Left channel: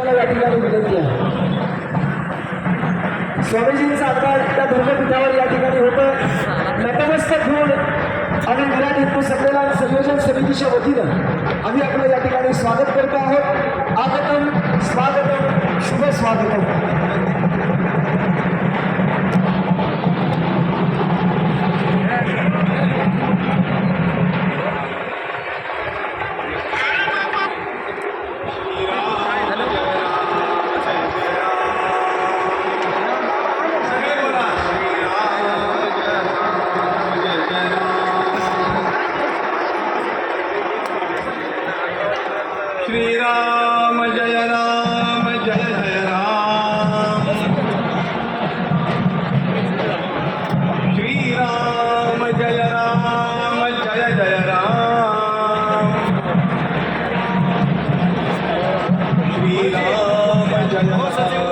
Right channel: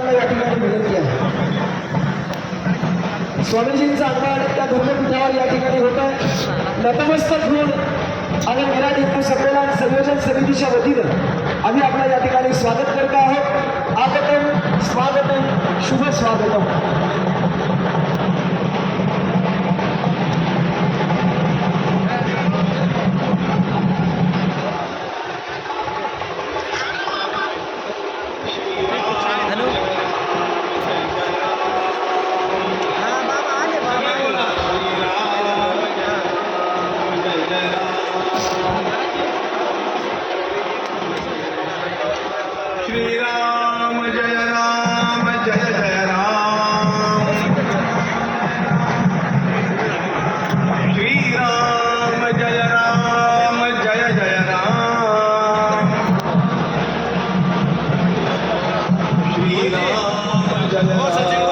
या ठिकाणी विनंती आहे. स्वामीजींचा आगमन त्या धर्मपीठावर या ठिकाणी होतोय. नतमस्तक होऊन आम्ही विराट हिंदू संमेलन संयोजन समितीच्या वतीनं आम्ही आपलं या ठिकाणी स्वागत करत आहोत. आगतम स्वागतम शुभ स्वागतम. श्रीराम जय राम जय जय राम. श्रीराम जय राम जय जय राम. श्रीराम जय राम.